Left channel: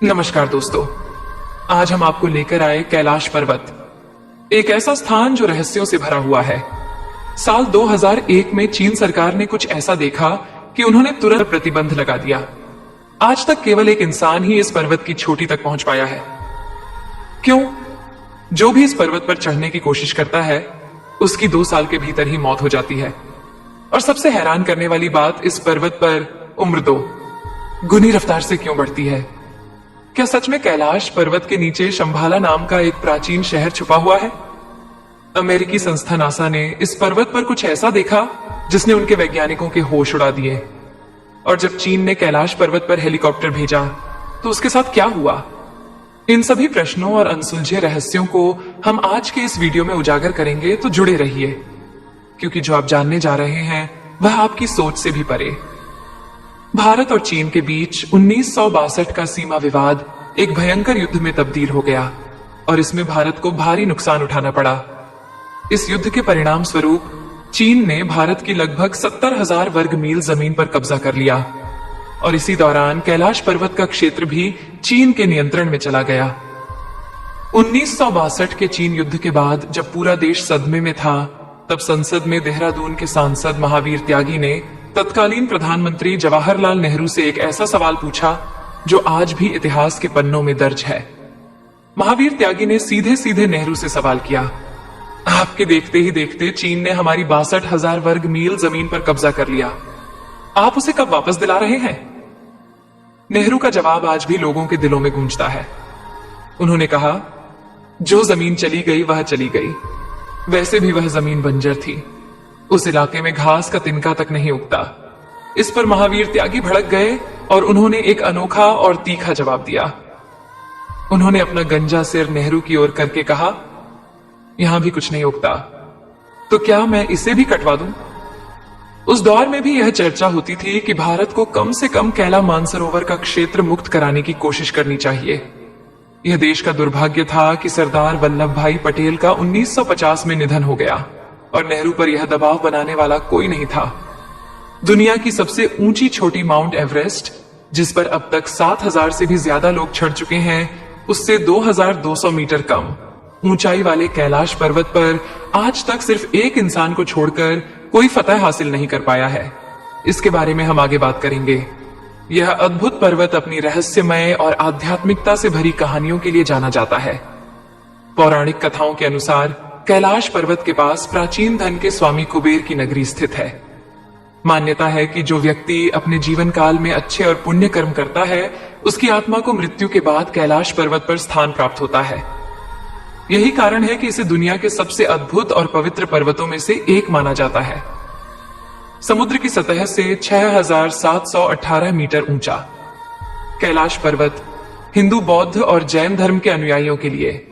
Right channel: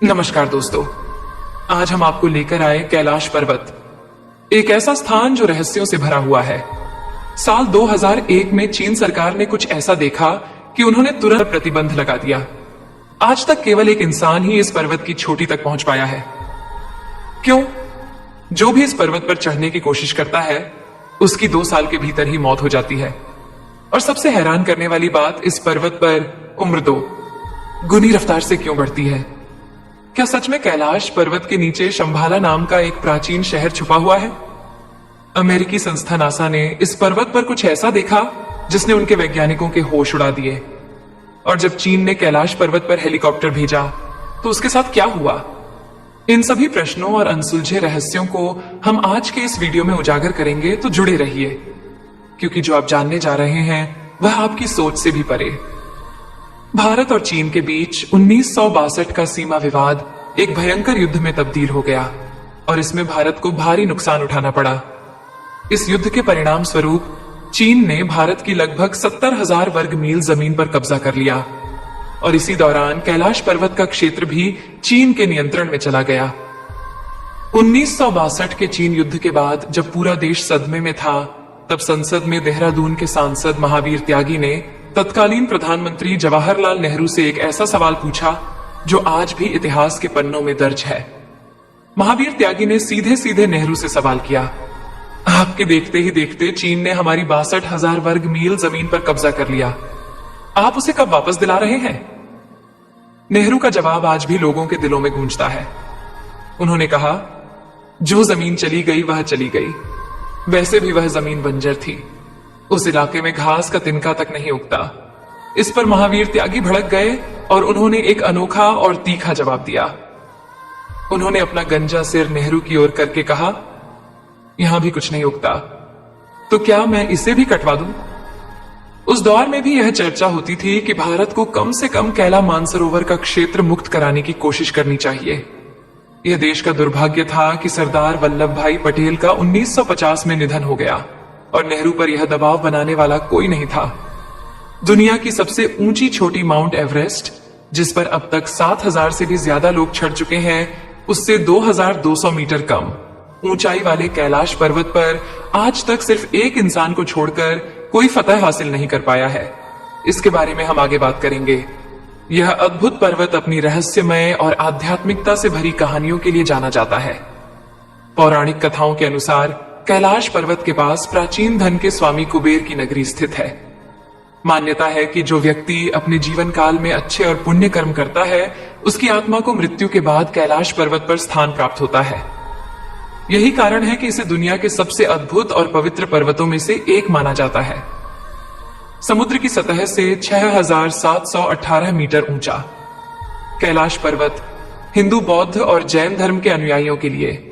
नमस्कार दोस्तों, आज हम आपको लेकर आए कैलाश पर्वत, एक ऐसा स्थान जो रहस्यों से भरा हुआ है। साल 2001 में चीन सरकार ने कुछ ऐसा देखा कि उन्होंने तुरंत प्रतिबंध लगा दिया। आज तक केवल एक इंसान ही इस पर्वत की चोटी तक पहुंच पाया है। क्यों? जो भी इस पर्वत पर चढ़ने की कोशिश करता है उसकी 2 साल के भीतर ही मौत हो जाती है। और सबसे हैरान करने वाली बात, इस पर्वत पर उम्र 2 गुनी रफ्तार से क्यों बढ़ती है? क्या सच में कैलाश पर्वत के नीचे शंभाला नाम का एक प्राचीन शहर छुपा हुआ है? अमेरिकी संस्था नासा ने इस पर्वत पर कुछ ऐसा देखा जिसने उनके वैज्ञानिकों के होश उड़ा दिए। और जब चीन ने कैलाश पर्वत पर हेलीकॉप्टर भेजा तो उसके साथ क्या हुआ? इन सभी प्रश्नों और अनसुलझे रहस्यों को हम आज के इस वीडियो में उजागर करेंगे, तो जुड़े रहिए, क्योंकि जो आप जानने जा रहे हैं वह आपकी सोच से भी परे। भारत और चीन के बीच 1962 का सीमा विवाद एक भयंकर युद्ध में तब्दील हो गया और इसमें भारत को भारी नुकसान उठाना पड़ा। इस युद्ध के परिणाम स्वरूप चीन ने भारत की लगभग 70,000 वर्ग मील जमीन पर कब्जा कर लिया और इसी दौरान कैलाश पर्वत का क्षेत्र भी चीन के नियंत्रण में चला गया। 1962 के चीन युद्ध के बाद जब पूरा देश सदमे में था, तब संसद में देहरादून के सांसद महावीर त्यागी ने तत्कालीन प्रधानमंत्री जवाहरलाल नेहरू से एक ऐसा सवाल पूछा जो आज भी इतिहास के पन्नों में दर्ज है। महावीर त्यागी ने सीधे सीधे नेहरू से सवाल किया, आपके देखते ही देखते चीन ने हमारी 62,000 वर्ग मील जमीन पर कब्जा कर लिया, आप उसे कब वापस दिला रहे हैं? नेहरू का जवाब आज भी लोगों के दिलों में गूंजता है। उन्होंने कहा, जो जमीन चली गई वह चली गई, वैसे भी वह जमीन बंजर थी, उस इलाके में घास का तिनका तक नहीं उगता। इस पर महावीर त्यागी भड़क गए और उन्होंने एक अनोखा और तीखा जवाब दिया। उन्होंने अपना गंजा सिर नेहरू की ओर करके कहा, यहां भी कुछ नहीं उगता, तो क्या मैं इसे भी कटवा दूं? उस दौर में भी यह चर्चा होती थी कि भारत को कम से कम कैला मानसरोवर का क्षेत्र मुक्त कराने की कोशिश करनी चाहिए। यह देश का दुर्भाग्य था कि सरदार वल्लभ भाई पटेल का 1950 में निधन हो गया और नेहरू पर यह दबाव बनाने वाला कोई नहीं था। दुनिया की सबसे ऊंची चोटी माउंट एवरेस्ट, जिस पर अब तक 7,000 से भी ज्यादा लोग चढ़ चुके हैं, उससे 2,200 मीटर कम ऊंचाई वाले कैलाश पर्वत पर आज तक सिर्फ एक इंसान को छोड़कर कोई फतह हासिल नहीं कर पाया है। इसके बारे में हम आगे बात करेंगे। यह अद्भुत पर्वत अपनी रहस्यमय और आध्यात्मिकता से भरी कहानियों के लिए जाना जाता है। पौराणिक कथाओं के अनुसार कैलाश पर्वत के पास प्राचीन धन के स्वामी कुबेर की नगरी स्थित है। मान्यता है कि जो व्यक्ति अपने जीवन काल में अच्छे और पुण्य कर्म करता है, उसकी आत्मा को मृत्यु के बाद कैलाश पर्वत पर स्थान प्राप्त होता है। यही कारण है कि इसे दुनिया के सबसे अद्भुत और पवित्र पर्वतों में से एक माना जाता है। समुद्र की सतह से 6,718 मीटर ऊंचा कैलाश पर्वत हिंदू, बौद्ध और जैन धर्म के अनुयायियों के लिए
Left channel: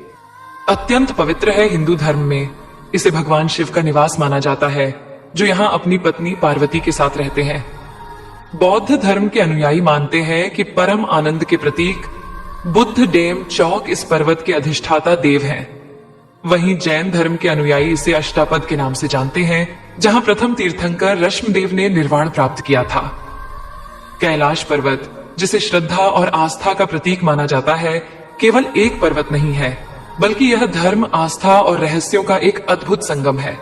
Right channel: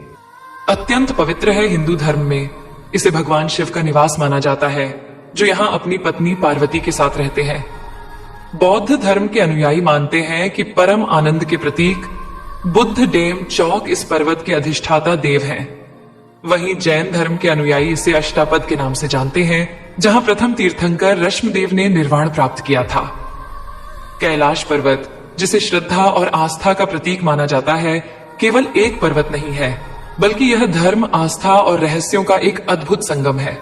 अत्यंत पवित्र है। हिंदू धर्म में इसे भगवान शिव का निवास माना जाता है, जो यहाँ अपनी पत्नी पार्वती के साथ रहते हैं। बौद्ध धर्म के अनुयायी मानते हैं कि परम आनंद के प्रतीक बुद्ध डेम चौक इस पर्वत के अधिष्ठाता देव हैं। वहीं जैन धर्म के अनुयायी इसे अष्टापद के नाम से जानते हैं, जहां प्रथम तीर्थंकर रश्मदेव ने निर्वाण प्राप्त किया था। कैलाश पर्वत, जिसे श्रद्धा और आस्था का प्रतीक माना जाता है, केवल एक पर्वत नहीं है, बल्कि यह धर्म, आस्था और रहस्यों का एक अद्भुत संगम है।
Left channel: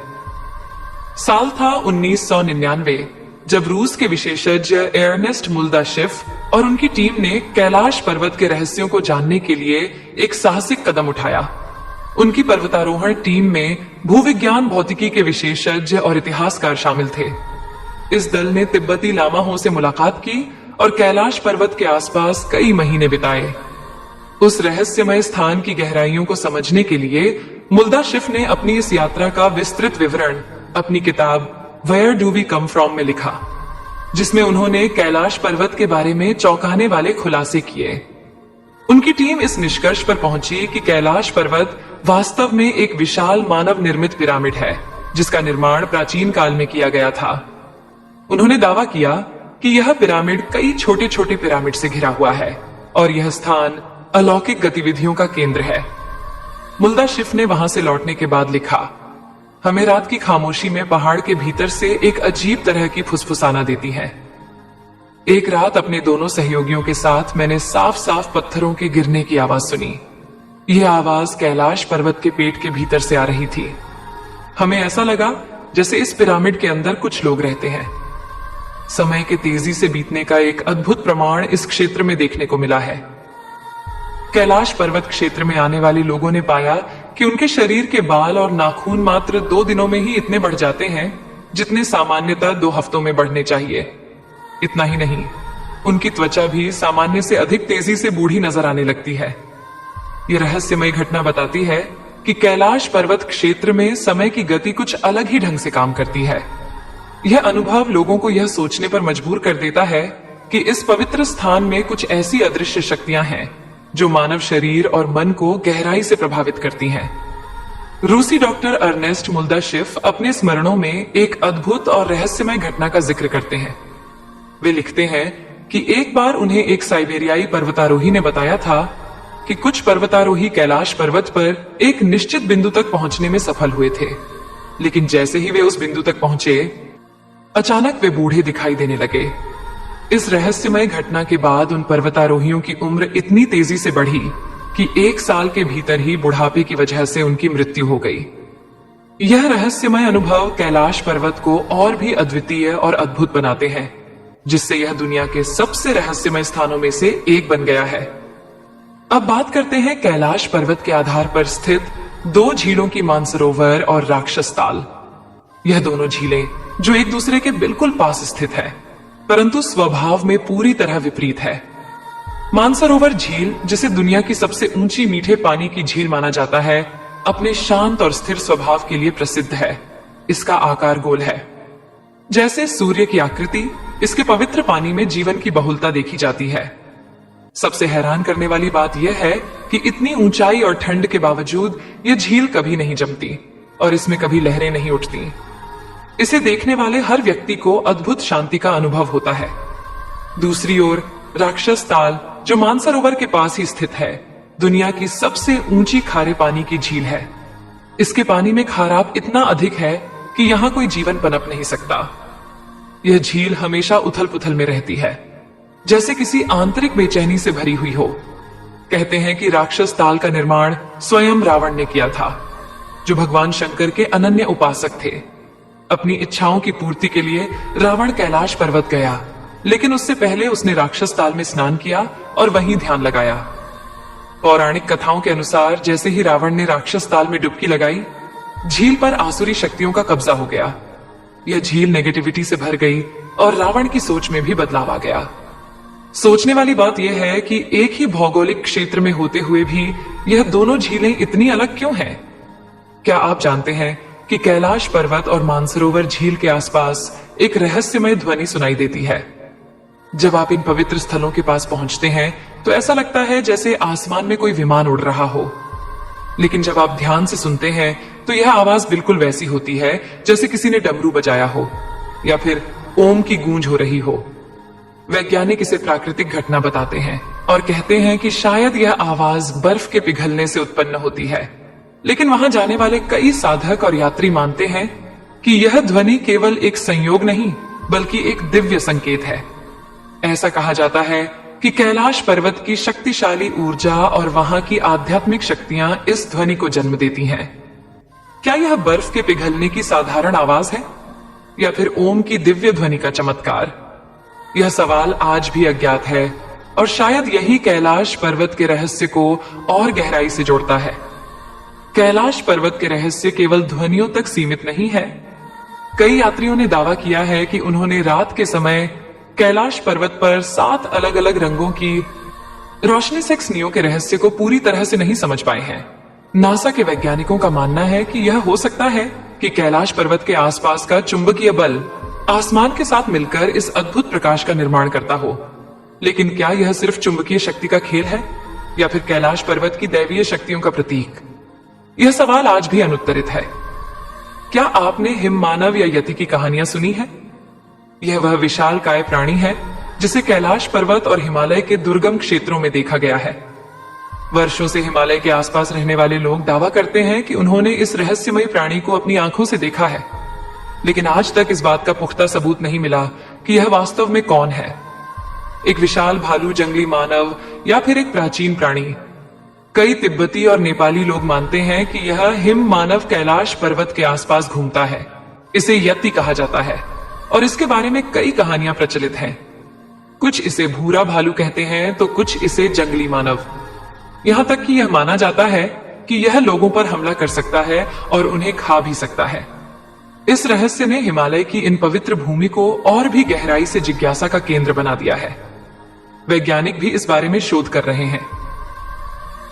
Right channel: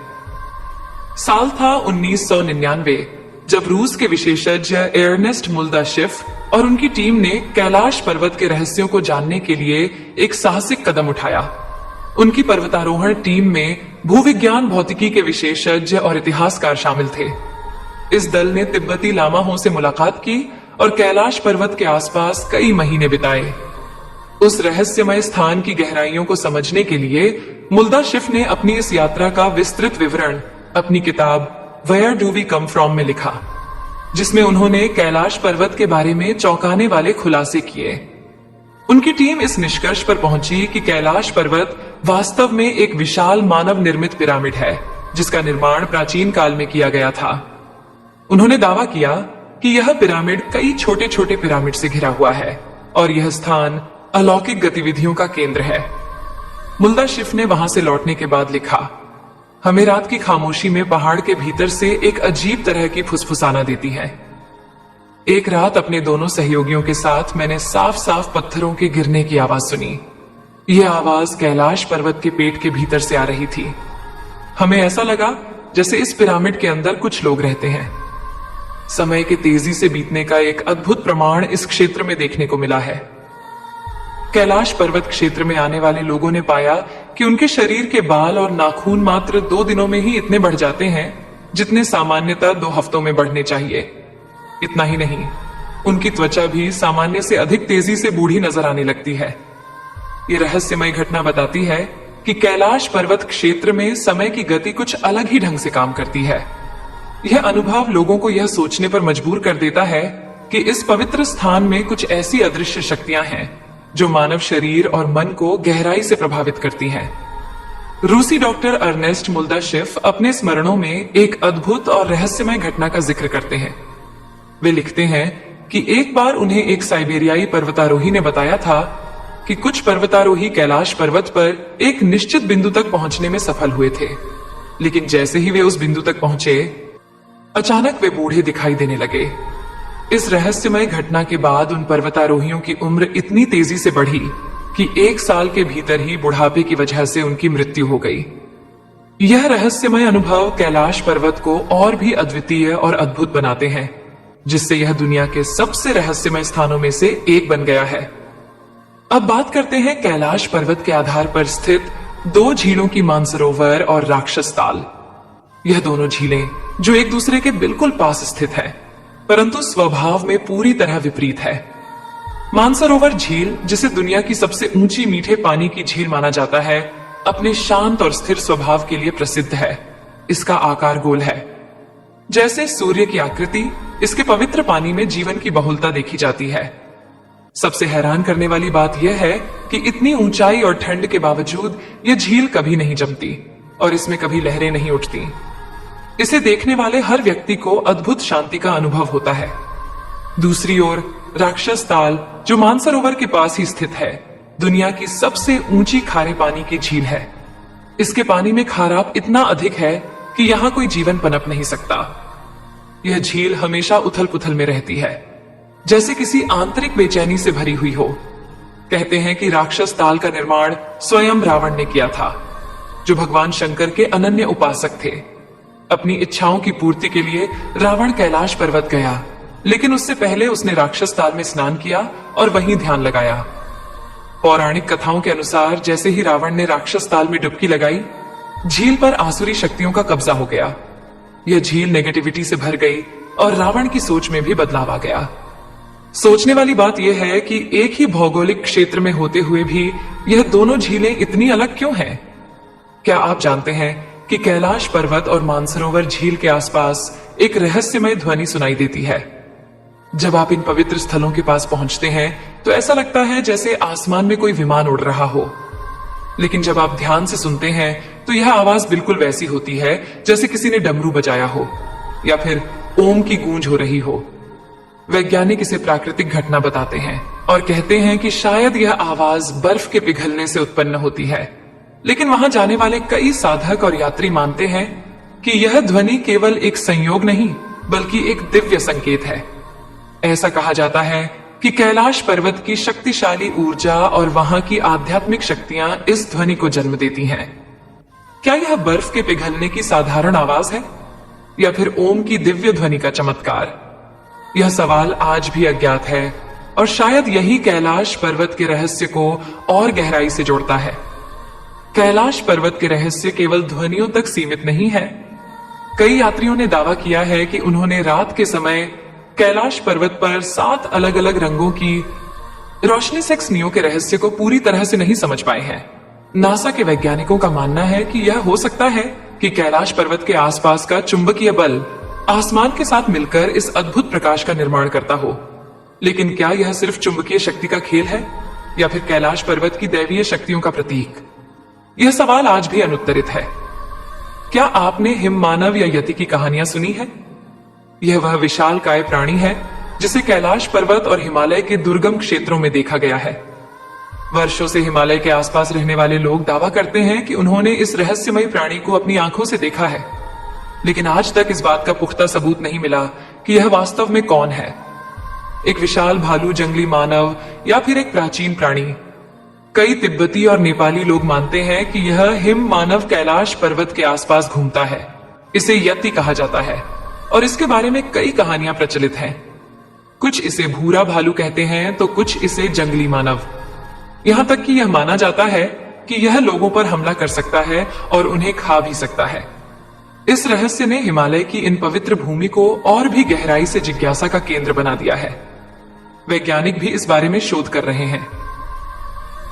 साल था 1999, जब रूस के विशेषज्ञ एर्नेस्ट मुल्दाशिफ और उनकी टीम ने कैलाश पर्वत के रहस्यों को जानने के लिए एक साहसिक कदम उठाया। उनकी पर्वतारोहण टीम में भूविज्ञान, भौतिकी के विशेषज्ञ और इतिहासकार शामिल थे। इस दल ने तिब्बती लामाओं से मुलाकात की और कैलाश पर्वत के आसपास कई महीने बिताए। उस रहस्यमय स्थान की गहराइयों को समझने के लिए मुल्दाशिफ ने अपनी इस यात्रा का विस्तृत विवरण अपनी किताब where do we come from में लिखा, जिसमें उन्होंने कैलाश पर्वत के बारे में चौंकाने वाले खुलासे किए। उनकी टीम इस निष्कर्ष पर पहुंची कि कैलाश पर्वत वास्तव में एक विशाल मानव निर्मित पिरामिड है, जिसका निर्माण प्राचीन काल में किया गया था। उन्होंने दावा किया कि यह पिरामिड कई छोटे छोटे पिरामिड से घिरा हुआ है और यह स्थान अलौकिक गतिविधियों का केंद्र है। मुल्दाशिफ ने वहां से लौटने के बाद लिखा, हमें रात की खामोशी में पहाड़ के भीतर से एक अजीब तरह की फुसफुसाना देती है। एक रात अपने दोनों सहयोगियों के साथ मैंने साफ साफ पत्थरों के गिरने की आवाज सुनी। यह आवाज कैलाश पर्वत के पेट के भीतर से आ रही थी। हमें ऐसा लगा जैसे इस पिरामिड के अंदर कुछ लोग रहते हैं। समय के तेजी से बीतने का एक अद्भुत प्रमाण इस क्षेत्र में देखने को मिला है। कैलाश पर्वत क्षेत्र में आने वाले लोगों ने पाया कि उनके शरीर के बाल और नाखून मात्र 2 दिनों में ही इतने बढ़ जाते हैं जितने सामान्यतः 2 हफ्तों में बढ़ने चाहिए। इतना ही नहीं, उनकी त्वचा भी सामान्य से अधिक तेजी से बूढ़ी नजर आने लगती है। यह रहस्यमय घटना बताती है कि कैलाश पर्वत क्षेत्र में समय की गति कुछ अलग ही ढंग से काम करती है। यह अनुभव लोगों को यह सोचने पर मजबूर कर देता है कि इस पवित्र स्थान में कुछ ऐसी अदृश्य शक्तियां हैं जो मानव शरीर और मन को गहराई से प्रभावित करती हैं। रूसी डॉक्टर अर्नेस्ट मुल्दाशिफ अपने स्मरणों में एक अद्भुत और रहस्यमय घटना का जिक्र करते हैं। वे लिखते हैं कि एक बार उन्हें एक साइबेरियाई पर्वतारोही ने बताया था कि कुछ पर्वतारोही कैलाश पर्वत पर एक निश्चित बिंदु तक पहुंचने में सफल हुए थे, लेकिन जैसे ही वे उस बिंदु तक पहुंचे, अचानक वे बूढ़े दिखाई देने लगे। इस रहस्यमय घटना के बाद उन पर्वतारोहियों की उम्र इतनी तेजी से बढ़ी कि 1 साल के भीतर ही बुढ़ापे की वजह से उनकी मृत्यु हो गई। यह रहस्यमय अनुभव कैलाश पर्वत को और भी अद्वितीय और अद्भुत बनाते हैं, जिससे यह दुनिया के सबसे रहस्यमय स्थानों में से एक बन गया है। अब बात करते हैं कैलाश पर्वत के आधार पर स्थित 2 झीलों की, मानसरोवर और राक्षस ताल। यह दोनों झीलें जो एक दूसरे के बिल्कुल पास स्थित है, परंतु स्वभाव में पूरी तरह विपरीत है। मानसरोवर झील, जिसे दुनिया की सबसे ऊंची मीठे पानी की झील माना जाता है, अपने शांत और स्थिर स्वभाव के लिए प्रसिद्ध है। इसका आकार गोल है। जैसे सूर्य की आकृति, इसके पवित्र पानी में जीवन की बहुलता देखी जाती है। सबसे हैरान करने वाली बात यह है कि इतनी ऊंचाई और ठंड के बावजूद यह झील कभी नहीं जमती और इसमें कभी लहरें नहीं उठती। इसे देखने वाले हर व्यक्ति को अद्भुत शांति का अनुभव होता है। दूसरी ओर राक्षस ताल, जो मानसरोवर के पास ही स्थित है, दुनिया की सबसे ऊंची खारे पानी की झील है। इसके पानी में खाराप इतना अधिक है कि यहाँ कोई जीवन पनप नहीं सकता। यह झील हमेशा उथल पुथल में रहती है, जैसे किसी आंतरिक बेचैनी से भरी हुई हो। कहते हैं कि राक्षस ताल का निर्माण स्वयं रावण ने किया था, जो भगवान शंकर के अनन्य उपासक थे। अपनी इच्छाओं की पूर्ति के लिए रावण कैलाश पर्वत गया, लेकिन उससे पहले उसने राक्षस ताल में स्नान किया और वहीं ध्यान लगाया। पौराणिक कथाओं के अनुसार जैसे ही रावण ने राक्षस ताल में डुबकी लगाई, झील पर आसुरी शक्तियों का कब्जा हो गया। यह झील नेगेटिविटी से भर गई और रावण की सोच में भी बदलाव आ गया। सोचने वाली बात यह है कि एक ही भौगोलिक क्षेत्र में होते हुए भी यह दोनों झीलें इतनी अलग क्यों हैं? क्या आप जानते हैं कि कैलाश पर्वत और मानसरोवर झील के आसपास एक रहस्यमय ध्वनि सुनाई देती है? जब आप इन पवित्र स्थलों के पास पहुंचते हैं तो ऐसा लगता है जैसे आसमान में कोई विमान उड़ रहा हो, लेकिन जब आप ध्यान से सुनते हैं तो यह आवाज बिल्कुल वैसी होती है जैसे किसी ने डमरू बजाया हो या फिर ओम की गूंज हो रही हो। वैज्ञानिक इसे प्राकृतिक घटना बताते हैं और कहते हैं कि शायद यह आवाज बर्फ के पिघलने से उत्पन्न होती है, लेकिन वहां जाने वाले कई साधक और यात्री मानते हैं कि यह ध्वनि केवल एक संयोग नहीं बल्कि एक दिव्य संकेत है। ऐसा कहा जाता है कि कैलाश पर्वत की शक्तिशाली ऊर्जा और वहां की आध्यात्मिक शक्तियां इस ध्वनि को जन्म देती हैं। क्या यह बर्फ के पिघलने की साधारण आवाज है या फिर ओम की दिव्य ध्वनि का चमत्कार? यह सवाल आज भी अज्ञात है और शायद यही कैलाश पर्वत के रहस्य को और गहराई से जोड़ता है। कैलाश पर्वत के रहस्य केवल ध्वनियों तक सीमित नहीं है। कई यात्रियों ने दावा किया है कि उन्होंने रात के समय कैलाश पर्वत पर 7 अलग अलग रंगों की रोशनी से स्नियों के रहस्य को पूरी तरह से नहीं समझ पाए हैं। नासा के वैज्ञानिकों का मानना है कि यह हो सकता है कि कैलाश पर्वत के आसपास का चुंबकीय बल आसमान के साथ मिलकर इस अद्भुत प्रकाश का निर्माण करता हो। लेकिन क्या यह सिर्फ चुंबकीय शक्ति का खेल है या फिर कैलाश पर्वत की दैवीय शक्तियों का प्रतीक? यह सवाल आज भी अनुत्तरित है। क्या आपने हिममानव या यति की कहानियां सुनी है? यह वह विशालकाय प्राणी है जिसे कैलाश पर्वत और हिमालय के दुर्गम क्षेत्रों में देखा गया है। वर्षों से हिमालय के आसपास रहने वाले लोग दावा करते हैं कि उन्होंने इस रहस्यमय प्राणी को अपनी आंखों से देखा है, लेकिन आज तक इस बात का पुख्ता सबूत नहीं मिला कि यह वास्तव में कौन है। एक विशाल भालू, जंगली मानव या फिर एक प्राचीन प्राणी। कई तिब्बती और नेपाली लोग मानते हैं कि यह हिम मानव कैलाश पर्वत के आसपास घूमता है। इसे यति कहा जाता है और इसके बारे में कई कहानियां प्रचलित हैं। कुछ इसे भूरा भालू कहते हैं तो कुछ इसे जंगली मानव। यहां तक कि यह माना जाता है कि यह लोगों पर हमला कर सकता है और उन्हें खा भी सकता है। इस रहस्य ने हिमालय की इन पवित्र भूमि को और भी गहराई से जिज्ञासा का केंद्र बना दिया है। वैज्ञानिक भी इस बारे में शोध कर रहे हैं।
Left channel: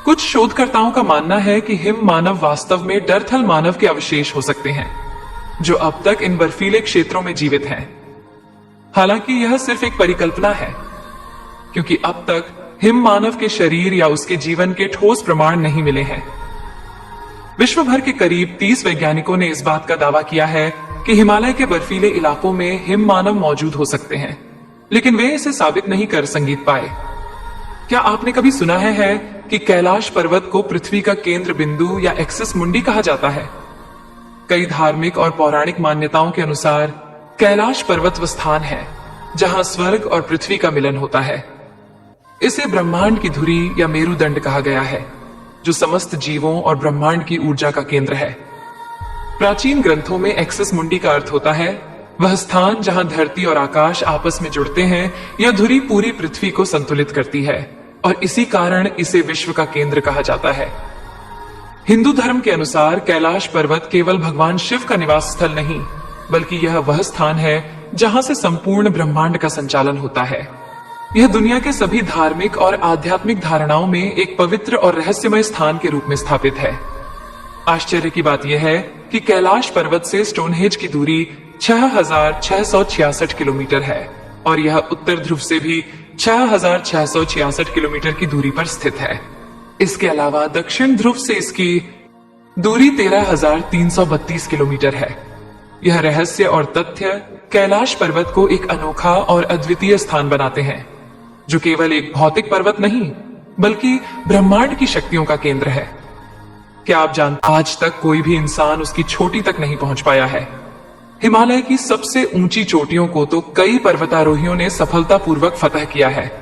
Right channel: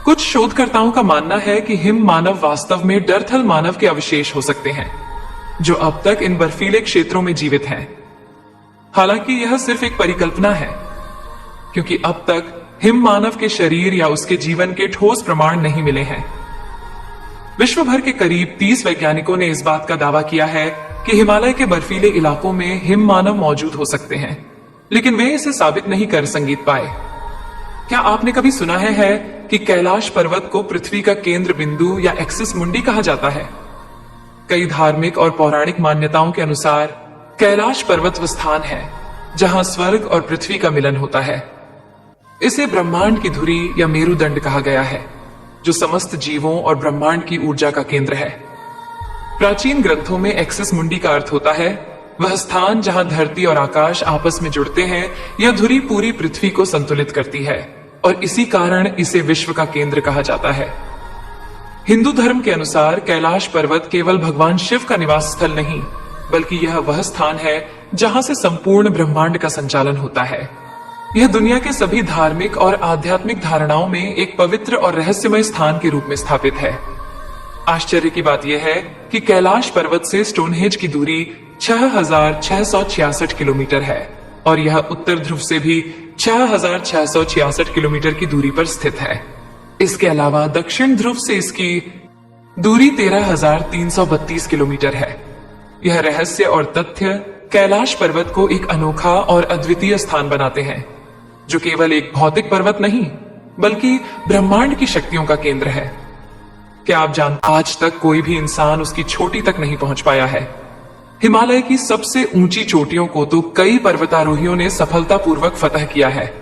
कुछ शोधकर्ताओं का मानना है कि हिम मानव वास्तव में डरथल मानव के अवशेष हो सकते हैं, जो अब तक इन बर्फीले क्षेत्रों में जीवित हैं। हालांकि यह सिर्फ एक परिकल्पना है, क्योंकि अब तक हिम मानव के शरीर या उसके जीवन के ठोस प्रमाण नहीं मिले हैं। विश्व भर के करीब 30 वैज्ञानिकों ने इस बात का दावा किया है कि हिमालय के बर्फीले इलाकों में हिम मानव मौजूद हो सकते हैं, लेकिन वे इसे साबित नहीं कर संगीत पाए। क्या आपने कभी सुना है कि कैलाश पर्वत को पृथ्वी का केंद्र बिंदु या एक्सिस मुंडी कहा जाता है? कई धार्मिक और पौराणिक मान्यताओं के अनुसार कैलाश पर्वत वो स्थान है जहां स्वर्ग और पृथ्वी का मिलन होता है। इसे ब्रह्मांड की धुरी या मेरुदंड कहा गया है, जो समस्त जीवों और ब्रह्मांड की ऊर्जा का केंद्र है। प्राचीन ग्रंथों में एक्सिस मुंडी का अर्थ होता है वह स्थान जहां धरती और आकाश आपस में जुड़ते हैं। यह धुरी पूरी पृथ्वी को संतुलित करती है और इसी कारण इसे विश्व का केंद्र कहा जाता है। हिंदू धर्म के अनुसार कैलाश पर्वत केवल भगवान शिव का निवास स्थल नहीं, बल्कि यह वह स्थान है जहां से संपूर्ण ब्रह्मांड का संचालन होता है। यह दुनिया के सभी धार्मिक और आध्यात्मिक धारणाओं में एक पवित्र और रहस्यमय स्थान के रूप में स्थापित है। आश्चर्य की बात यह है कि कैलाश पर्वत से स्टोनहेंज की दूरी 6,666 किलोमीटर है और यह उत्तर ध्रुव से भी 6,666 किलोमीटर की दूरी पर स्थित है। इसके अलावा दक्षिण ध्रुव से इसकी दूरी 13,332 किलोमीटर है। यह रहस्य और तथ्य कैलाश पर्वत को एक अनोखा और अद्वितीय स्थान बनाते हैं, जो केवल एक भौतिक पर्वत नहीं, बल्कि ब्रह्मांड की शक्तियों का केंद्र है। क्या आप जानते हैं, आज तक कोई भी इंसान उसकी चोटी तक नहीं पहुंच पाया है। हिमालय की सबसे ऊंची चोटियों को तो कई पर्वतारोहियों ने सफलतापूर्वक फतह किया है,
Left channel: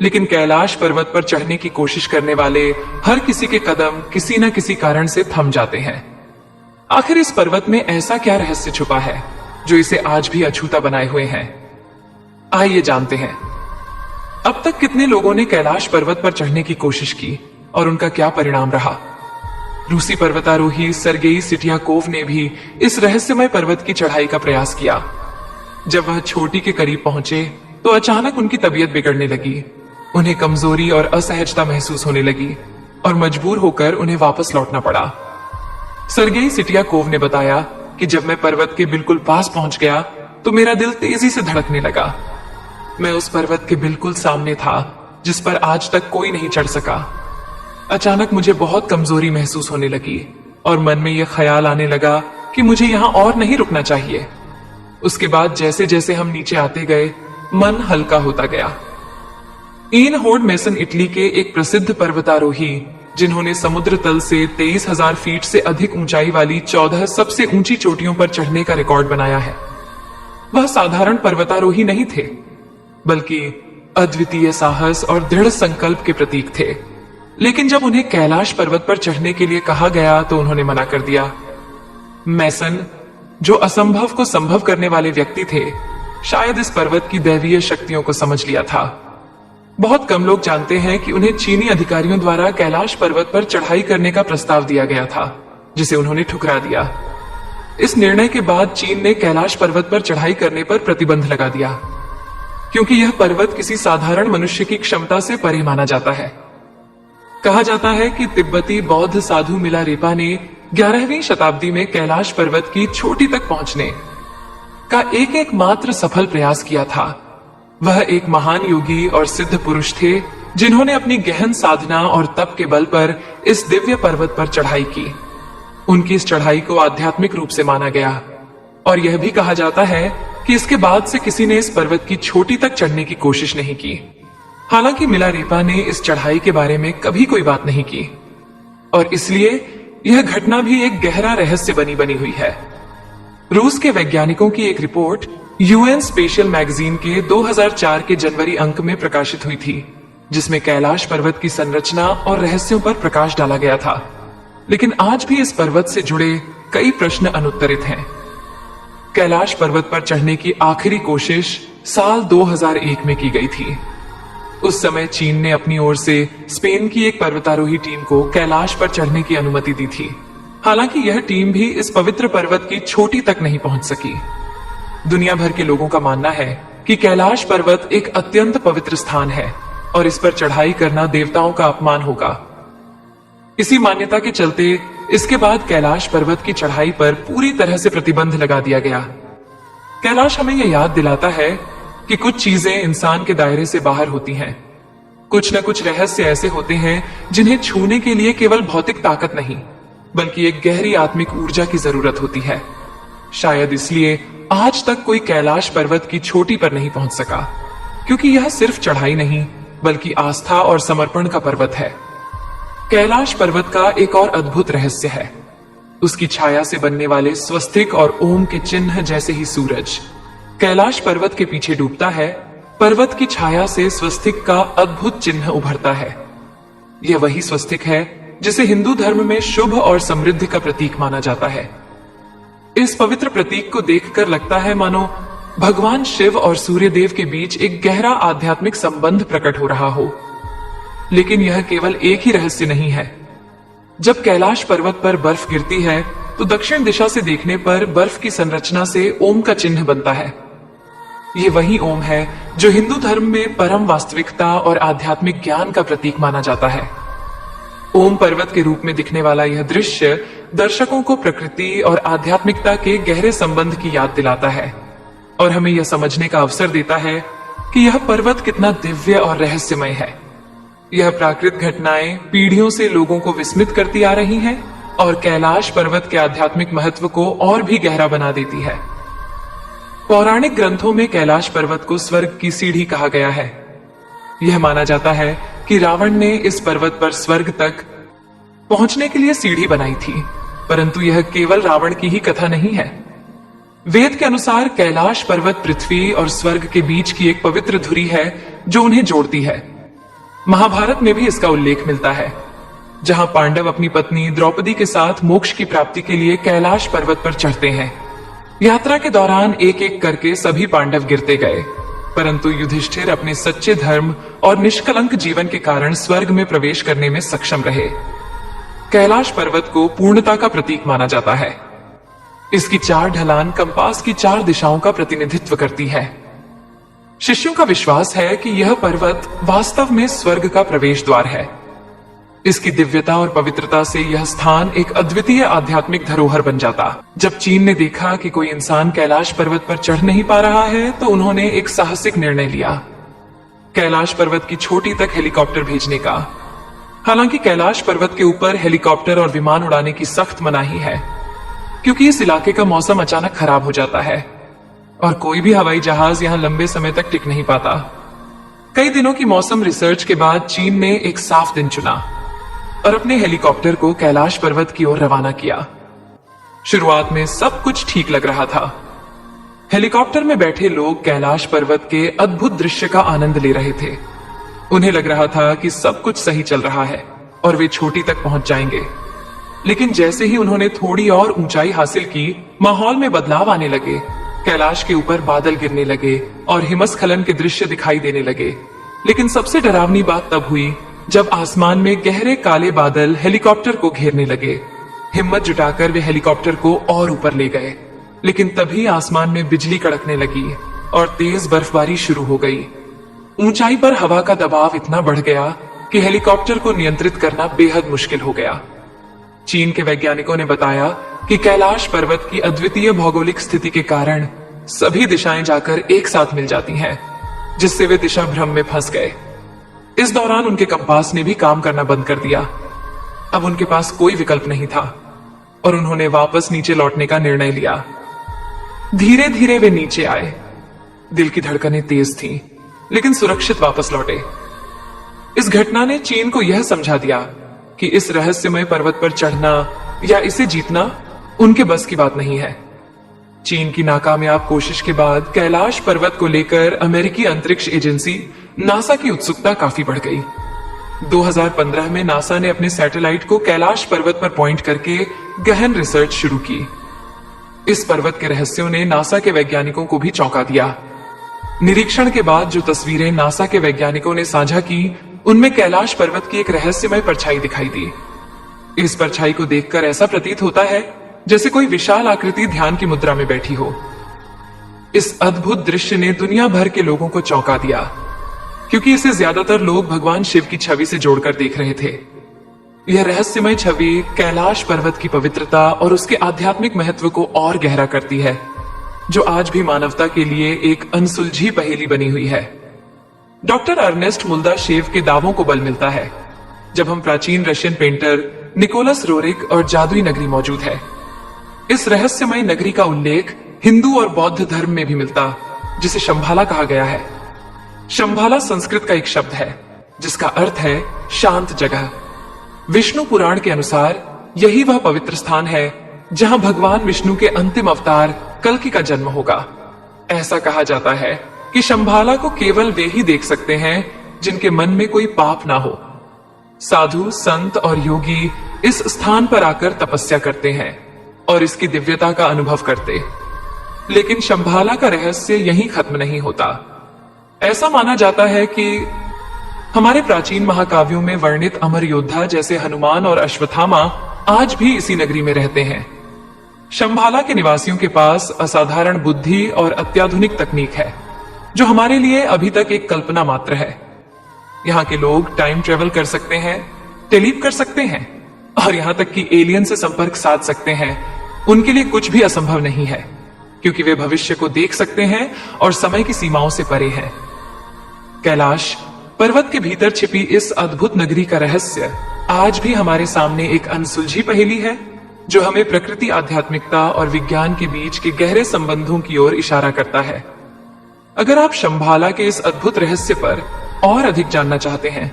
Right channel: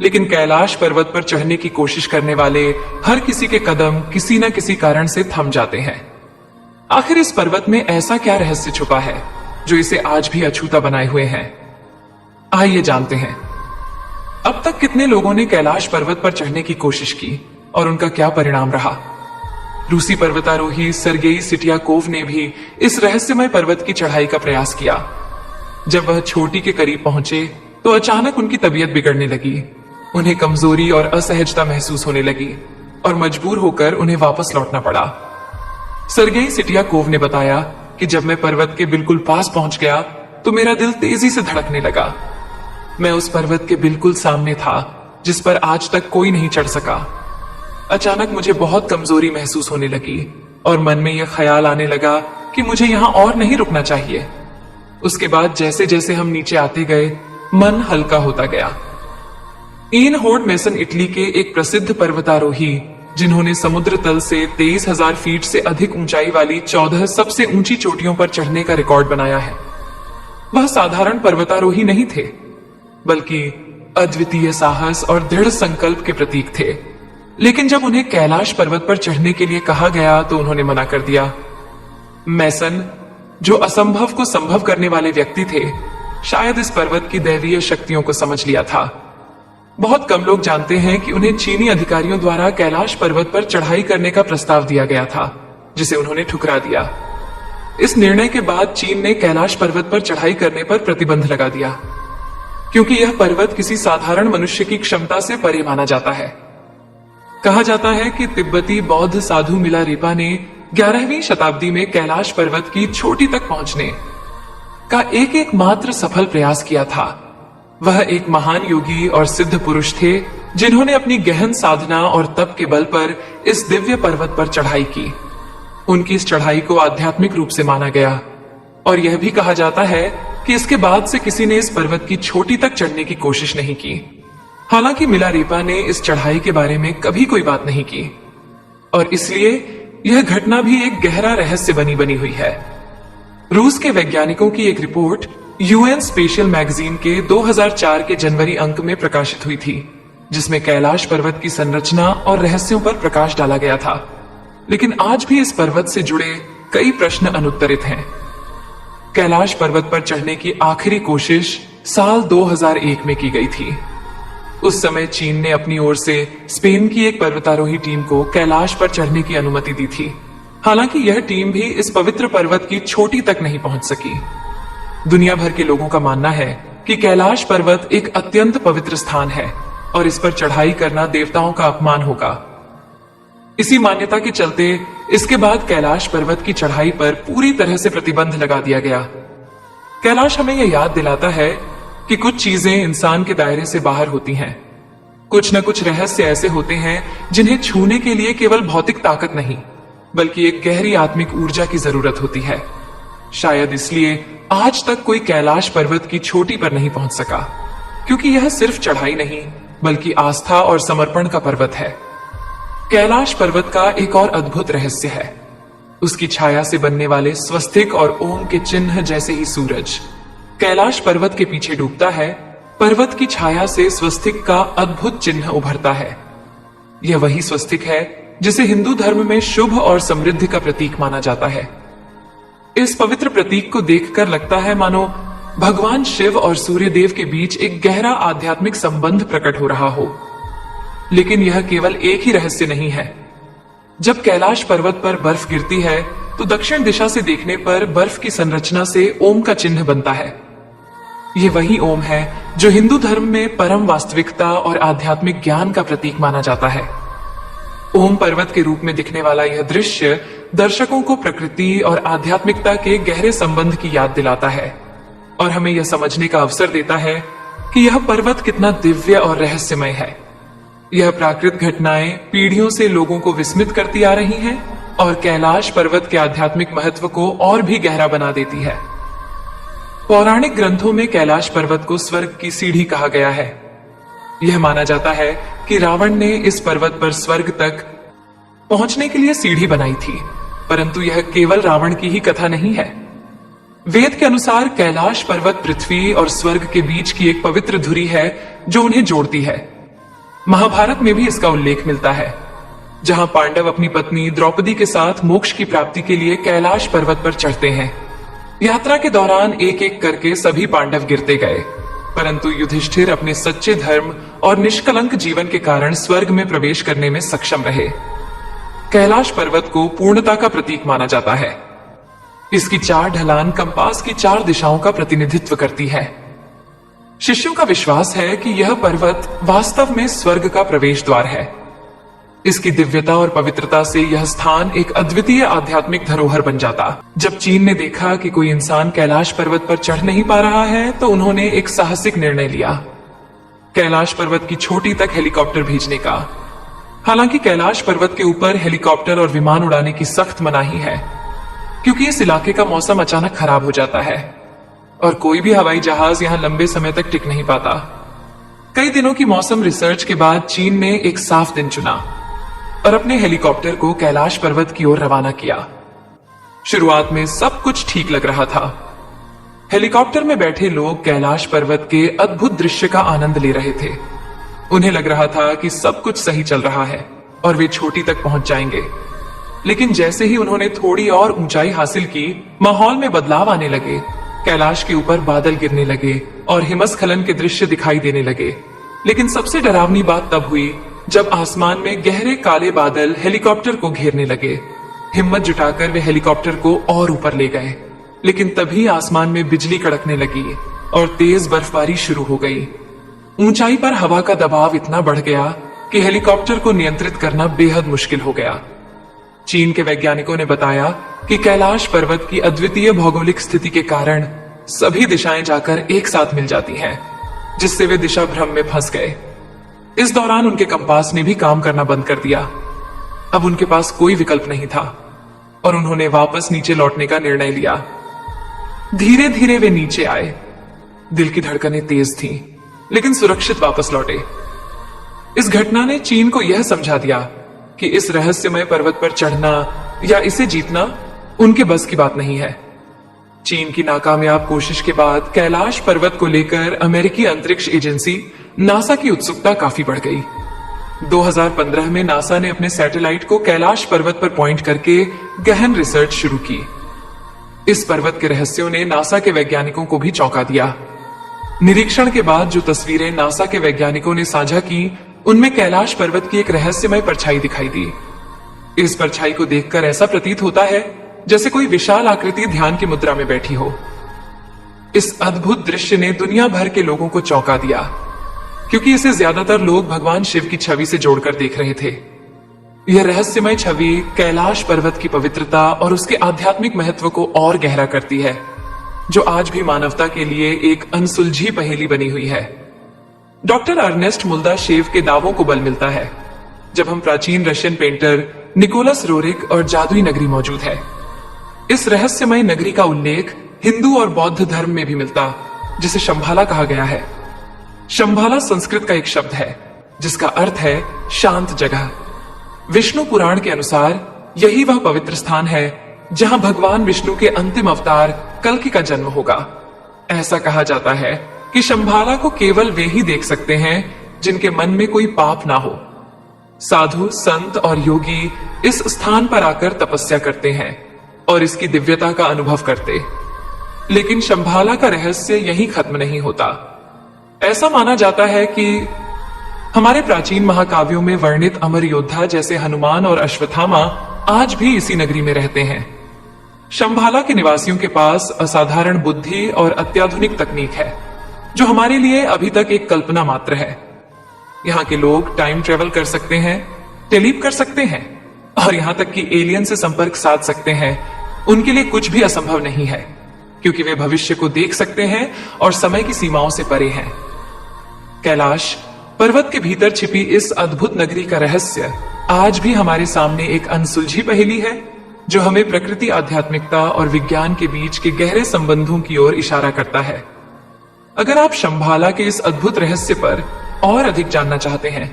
लेकिन कैलाश पर्वत पर चढ़ने की कोशिश करने वाले हर किसी के कदम किसी न किसी कारण से थम जाते हैं। आखिर इस पर्वत में ऐसा क्या रहस्य छुपा है जो इसे आज भी अछूता बनाए हुए है? आइए जानते हैं। अब तक कितने लोगों ने कैलाश पर्वत पर चढ़ने की कोशिश की और उनका क्या परिणाम रहा? रूसी पर्वतारोही सर्गेई सिटियाकोव ने भी इस रहस्यमय पर्वत की चढ़ाई का प्रयास किया। जब वह चोटी के करीब पहुंचे तो अचानक उनकी तबीयत बिगड़ने लगी। उन्हें कमजोरी और असहजता महसूस होने लगी और मजबूर होकर उन्हें वापस लौटना पड़ा। सर्गेई सिटियाकोव ने बताया कि जब मैं पर्वत के बिल्कुल पास पहुंच गया तो मेरा दिल तेजी से धड़कने लगा। मैं उस पर्वत के बिल्कुल सामने था जिस पर आज तक कोई नहीं चढ़ सका। अचानक मुझे बहुत कमजोरी महसूस होने लगी और मन में यह ख्याल आने लगा कि मुझे यहाँ और नहीं रुकना चाहिए। उसके बाद जैसे जैसे हम नीचे आते गए, मन हल्का होता गया। ईन होर्ड मेसन इटली के एक प्रसिद्ध पर्वतारोही, जिन्होंने समुद्र तल से 23,000 फीट से अधिक ऊंचाई वाली 14 सबसे ऊंची चोटियों पर चढ़ने का रिकॉर्ड बनाया है। वह साधारण पर्वतारोही नहीं थे, बल्कि अद्वितीय साहस और दृढ़ संकल्प के प्रतीक थे। लेकिन जब उन्हें कैलाश पर्वत पर चढ़ने के लिए कहा गया तो उन्होंने मना कर दिया। मेसन, जो असंभव को संभव करने वाले व्यक्ति थे, शायद इस पर्वत की दैवीय शक्तियों को समझ लिया था। बहुत कम लोग जानते हैं कि उन्हें चीनी अधिकारियों द्वारा कैलाश पर्वत पर चढ़ाई करने का प्रस्ताव दिया गया था, जिसे उन्होंने ठुकरा दिया। इस निर्णय के बाद चीन ने कैलाश पर्वत पर चढ़ाई करने पर प्रतिबंध लगा दिया, क्योंकि यह पर्वत किसी साधारण मनुष्य की क्षमता से परे माना जाता है। कहा जाता है कि तिब्बती बौद्ध साधु मिलारेपा ने 11वीं शताब्दी में कैलाश पर्वत की चोटी तक पहुंचने का एक मात्र सफल प्रयास किया था। वह एक महान योगी और सिद्ध पुरुष थे, जिन्होंने अपनी गहन साधना और तप के बल पर इस दिव्य पर्वत पर चढ़ाई की। उनकी इस चढ़ाई को आध्यात्मिक रूप से माना गया और यह भी कहा जाता है कि इसके बाद से किसी ने इस पर्वत की चोटी तक चढ़ने की कोशिश नहीं की। हालांकि मिलारेपा ने इस चढ़ाई के बारे में कभी कोई बात नहीं की और इसलिए यह घटना भी एक गहरा रहस्य बनी हुई है। रूस के वैज्ञानिकों की एक रिपोर्ट यूएन स्पेशल मैगजीन के 2004 के जनवरी अंक में प्रकाशित हुई थी, जिसमें कैलाश पर्वत की संरचना और रहस्यों पर प्रकाश डाला गया था। लेकिन आज भी इस पर्वत से जुड़े कई प्रश्न अनुत्तरित हैं। कैलाश पर्वत पर चढ़ने की आखिरी कोशिश साल 2001 में की गई थी। उस समय चीन ने अपनी ओर से स्पेन की एक पर्वतारोही टीम को कैलाश पर चढ़ने की अनुमति दी थी। हालांकि यह टीम भी इस पवित्र पर्वत की चोटी तक नहीं पहुंच सकी। दुनिया भर के लोगों का मानना है कि कैलाश पर्वत एक अत्यंत पवित्र स्थान है और इस पर चढ़ाई करना देवताओं का अपमान होगा। इसी मान्यता के चलते इसके बाद कैलाश पर्वत की चढ़ाई पर पूरी तरह से प्रतिबंध लगा दिया गया। कैलाश हमें यह याद दिलाता है कि कुछ चीजें इंसान के दायरे से बाहर होती हैं। कुछ न कुछ रहस्य ऐसे होते हैं जिन्हें छूने के लिए केवल भौतिक ताकत नहीं, बल्कि एक गहरी आत्मिक ऊर्जा की जरूरत होती है। शायद इसलिए आज तक कोई कैलाश पर्वत की चोटी पर नहीं पहुंच सका, क्योंकि यह सिर्फ चढ़ाई नहीं बल्कि आस्था और समर्पण का पर्वत है। कैलाश पर्वत का एक और अद्भुत रहस्य है उसकी छाया से बनने वाले स्वस्तिक और ओम के चिन्ह जैसे ही सूरज कैलाश पर्वत के पीछे डूबता है। पर्वत की छाया से स्वस्तिक का अद्भुत चिन्ह उभरता है। यह वही स्वस्तिक है जिसे हिंदू धर्म में शुभ और समृद्धि का प्रतीक माना जाता है। इस पवित्र प्रतीक को देखकर लगता है मानो भगवान शिव और सूर्यदेव के बीच एक गहरा आध्यात्मिक संबंध प्रकट हो रहा हो। लेकिन यह केवल एक ही रहस्य नहीं है। जब कैलाश पर्वत पर बर्फ गिरती है तो दक्षिण दिशा से देखने पर बर्फ की संरचना से ओम का चिन्ह बनता है। ये वही ओम है जो हिंदू धर्म में परम वास्तविकता और आध्यात्मिक ज्ञान का प्रतीक माना जाता है। ओम पर्वत के रूप में दिखने वाला यह दृश्य दर्शकों को प्रकृति और आध्यात्मिकता के गहरे संबंध की याद दिलाता है और हमें यह समझने का अवसर देता है कि यह पर्वत कितना दिव्य और रहस्यमय है। यह प्राकृतिक घटनाएं पीढ़ियों से लोगों को विस्मित करती आ रही हैं और कैलाश पर्वत के आध्यात्मिक महत्व को और भी गहरा बना देती है। पौराणिक ग्रंथों में कैलाश पर्वत को स्वर्ग की सीढ़ी कहा गया है। यह माना जाता है कि रावण ने इस पर्वत पर स्वर्ग तक पहुंचने के लिए सीढ़ी बनाई थी, परंतु यह केवल रावण की ही कथा नहीं है। वेद के अनुसार कैलाश पर्वत पृथ्वी और स्वर्ग के बीच की एक पवित्र धुरी है जो उन्हें जोड़ती है। महाभारत में भी इसका उल्लेख मिलता है, जहां पांडव अपनी पत्नी द्रौपदी के साथ मोक्ष की प्राप्ति के लिए कैलाश पर्वत पर चढ़ते हैं। यात्रा के दौरान एक एक करके सभी पांडव गिरते गए, परंतु युधिष्ठिर अपने सच्चे धर्म और निष्कलंक जीवन के कारण स्वर्ग में प्रवेश करने में सक्षम रहे। कैलाश पर्वत को पूर्णता का प्रतीक माना जाता है। इसकी 4 ढलान कंपास की 4 दिशाओं का प्रतिनिधित्व करती है। शिष्यों का विश्वास है कि यह पर्वत वास्तव में स्वर्ग का प्रवेश द्वार है। इसकी दिव्यता और पवित्रता से यह स्थान एक अद्वितीय आध्यात्मिक धरोहर बन जाता। जब चीन ने देखा कि कोई इंसान कैलाश पर्वत पर चढ़ नहीं पा रहा है तो उन्होंने एक साहसिक निर्णय लिया, कैलाश पर्वत की चोटी तक हेलीकॉप्टर भेजने का। हालांकि कैलाश पर्वत के ऊपर हेलीकॉप्टर और विमान उड़ाने की सख्त मनाही है, क्योंकि इस इलाके का मौसम अचानक खराब हो जाता है और कोई भी हवाई जहाज यहां लंबे समय तक टिक नहीं पाता। कई दिनों की मौसम रिसर्च के बाद चीन ने एक साफ दिन चुना और अपने हेलीकॉप्टर को कैलाश पर्वत की ओर रवाना किया। शुरुआत में सब कुछ ठीक लग रहा था। हेलीकॉप्टर में बैठे लोग कैलाश पर्वत के अद्भुत दृश्य का आनंद ले रहे थे। उन्हें लग रहा था कि सब कुछ सही चल रहा है और वे चोटी तक पहुंच जाएंगे। लेकिन जैसे ही उन्होंने थोड़ी और ऊंचाई हासिल की, माहौल में बदलाव आने लगे। कैलाश के ऊपर बादल गिरने लगे और हिमस्खलन के दृश्य दिखाई देने लगे। लेकिन सबसे डरावनी बात तब हुई जब आसमान में गहरे काले बादल हेलीकॉप्टर को घेरने लगे। हिम्मत जुटाकर वे हेलीकॉप्टर को और ऊपर ले गए, लेकिन तभी आसमान में बिजली कड़कने लगी और तेज बर्फबारी शुरू हो गई। ऊंचाई पर हवा का दबाव इतना बढ़ गया कि हेलीकॉप्टर को नियंत्रित करना बेहद मुश्किल हो गया। चीन के वैज्ञानिकों ने बताया कि कैलाश पर्वत की अद्वितीय भौगोलिक स्थिति के कारण सभी दिशाएं जाकर एक साथ मिल जाती हैं, जिससे वे दिशा भ्रम में फंस गए। इस दौरान उनके कंपास ने भी काम करना बंद कर दिया। अब उनके पास कोई विकल्प नहीं था और उन्होंने वापस नीचे लौटने का निर्णय लिया। धीरे धीरे वे नीचे आए। दिल की धड़कनें तेज थीं, लेकिन सुरक्षित वापस लौटे। इस घटना ने चीन को यह समझा दिया कि इस रहस्यमय पर्वत पर चढ़ना या इसे जीतना उनके बस की बात नहीं है। चीन की नाकामयाब कोशिश के बाद कैलाश पर्वत को लेकर अमेरिकी अंतरिक्ष एजेंसी नासा की उत्सुकता काफी बढ़ गई। 2015 में नासा ने अपने सैटेलाइट को कैलाश पर्वत पर पॉइंट करके गहन रिसर्च शुरू की। इस पर्वत के रहस्यों ने नासा के वैज्ञानिकों को भी चौंका दिया। निरीक्षण के बाद जो तस्वीरें नासा के वैज्ञानिकों ने साझा की, उनमें कैलाश पर्वत की एक रहस्यमय परछाई दिखाई दी। इस परछाई को देखकर ऐसा प्रतीत होता है जैसे कोई विशाल आकृति ध्यान की मुद्रा में बैठी हो। इस अद्भुत दृश्य ने दुनिया भर के लोगों को चौंका दिया, क्योंकि इसे ज्यादातर लोग भगवान शिव की छवि से जोड़कर देख रहे थे। यह रहस्यमय छवि कैलाश पर्वत की पवित्रता और उसके आध्यात्मिक महत्व को और गहरा करती है, जो आज भी मानवता के लिए एक अनसुलझी पहेली बनी हुई है। डॉक्टर अर्नेस्ट मुल्दाशेव के दावों को बल मिलता है जब हम प्राचीन रशियन पेंटर निकोलस रोरिक और जादुई नगरी मौजूद है। इस रहस्यमय नगरी का उल्लेख हिंदू और बौद्ध धर्म में भी मिलता, जिसे शंभाला कहा गया है। शंभाला संस्कृत का एक शब्द है जिसका अर्थ है शांत जगह। विष्णु पुराण के अनुसार यही वह पवित्र स्थान है जहां भगवान विष्णु के अंतिम अवतार कल्कि का जन्म होगा। ऐसा कहा जाता है कि शंभाला को केवल वे ही देख सकते हैं जिनके मन में कोई पाप ना हो। साधु, संत और योगी इस स्थान पर आकर तपस्या करते हैं और इसकी दिव्यता का अनुभव करते। लेकिन शंभाला का रहस्य यहीं खत्म नहीं होता। ऐसा माना जाता है कि हमारे प्राचीन महाकाव्यों में वर्णित अमर योद्धा जैसे हनुमान और अश्वत्थामा आज भी इसी नगरी में रहते हैं। शंभाला के निवासियों के पास असाधारण बुद्धि और अत्याधुनिक तकनीक है, जो हमारे लिए अभी तक एक कल्पना मात्र है। यहाँ के लोग टाइम ट्रेवल कर सकते हैं, टेलीप कर सकते हैं और यहाँ तक कि एलियन से संपर्क साध सकते हैं। उनके लिए कुछ भी असंभव नहीं है, क्योंकि वे भविष्य को देख सकते हैं और समय की सीमाओं से परे हैं। कैलाश पर्वत के भीतर छिपी इस अद्भुत नगरी का रहस्य आज भी हमारे सामने एक अनसुलझी पहेली है, जो हमें प्रकृति, आध्यात्मिकता और विज्ञान के बीच के गहरे संबंधों की ओर इशारा करता है। अगर आप शंभाला के इस अद्भुत रहस्य पर और अधिक जानना चाहते हैं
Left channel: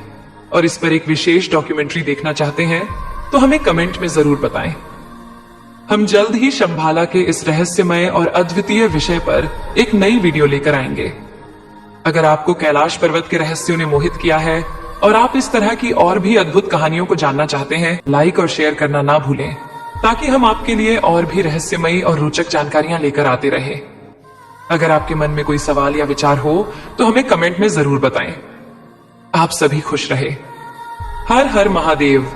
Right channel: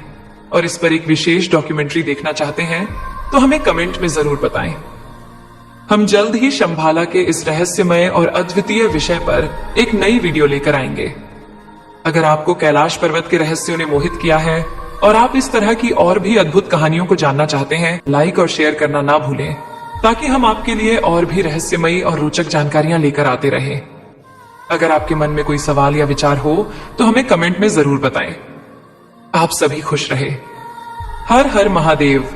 और इस पर एक विशेष डॉक्यूमेंट्री देखना चाहते हैं, तो हमें कमेंट में जरूर बताएं। हम जल्द ही शंभाला के इस रहस्यमय और अद्वितीय विषय पर एक नई वीडियो लेकर आएंगे। अगर आपको कैलाश पर्वत के रहस्यों ने मोहित किया है और आप इस तरह की और भी अद्भुत कहानियों को जानना चाहते हैं, लाइक और शेयर करना ना भूलें, ताकि हम आपके लिए और भी रहस्यमयी और रोचक जानकारियां लेकर आते रहे। अगर आपके मन में कोई सवाल या विचार हो तो हमें कमेंट में जरूर बताएं। आप सभी खुश रहे। हर हर महादेव।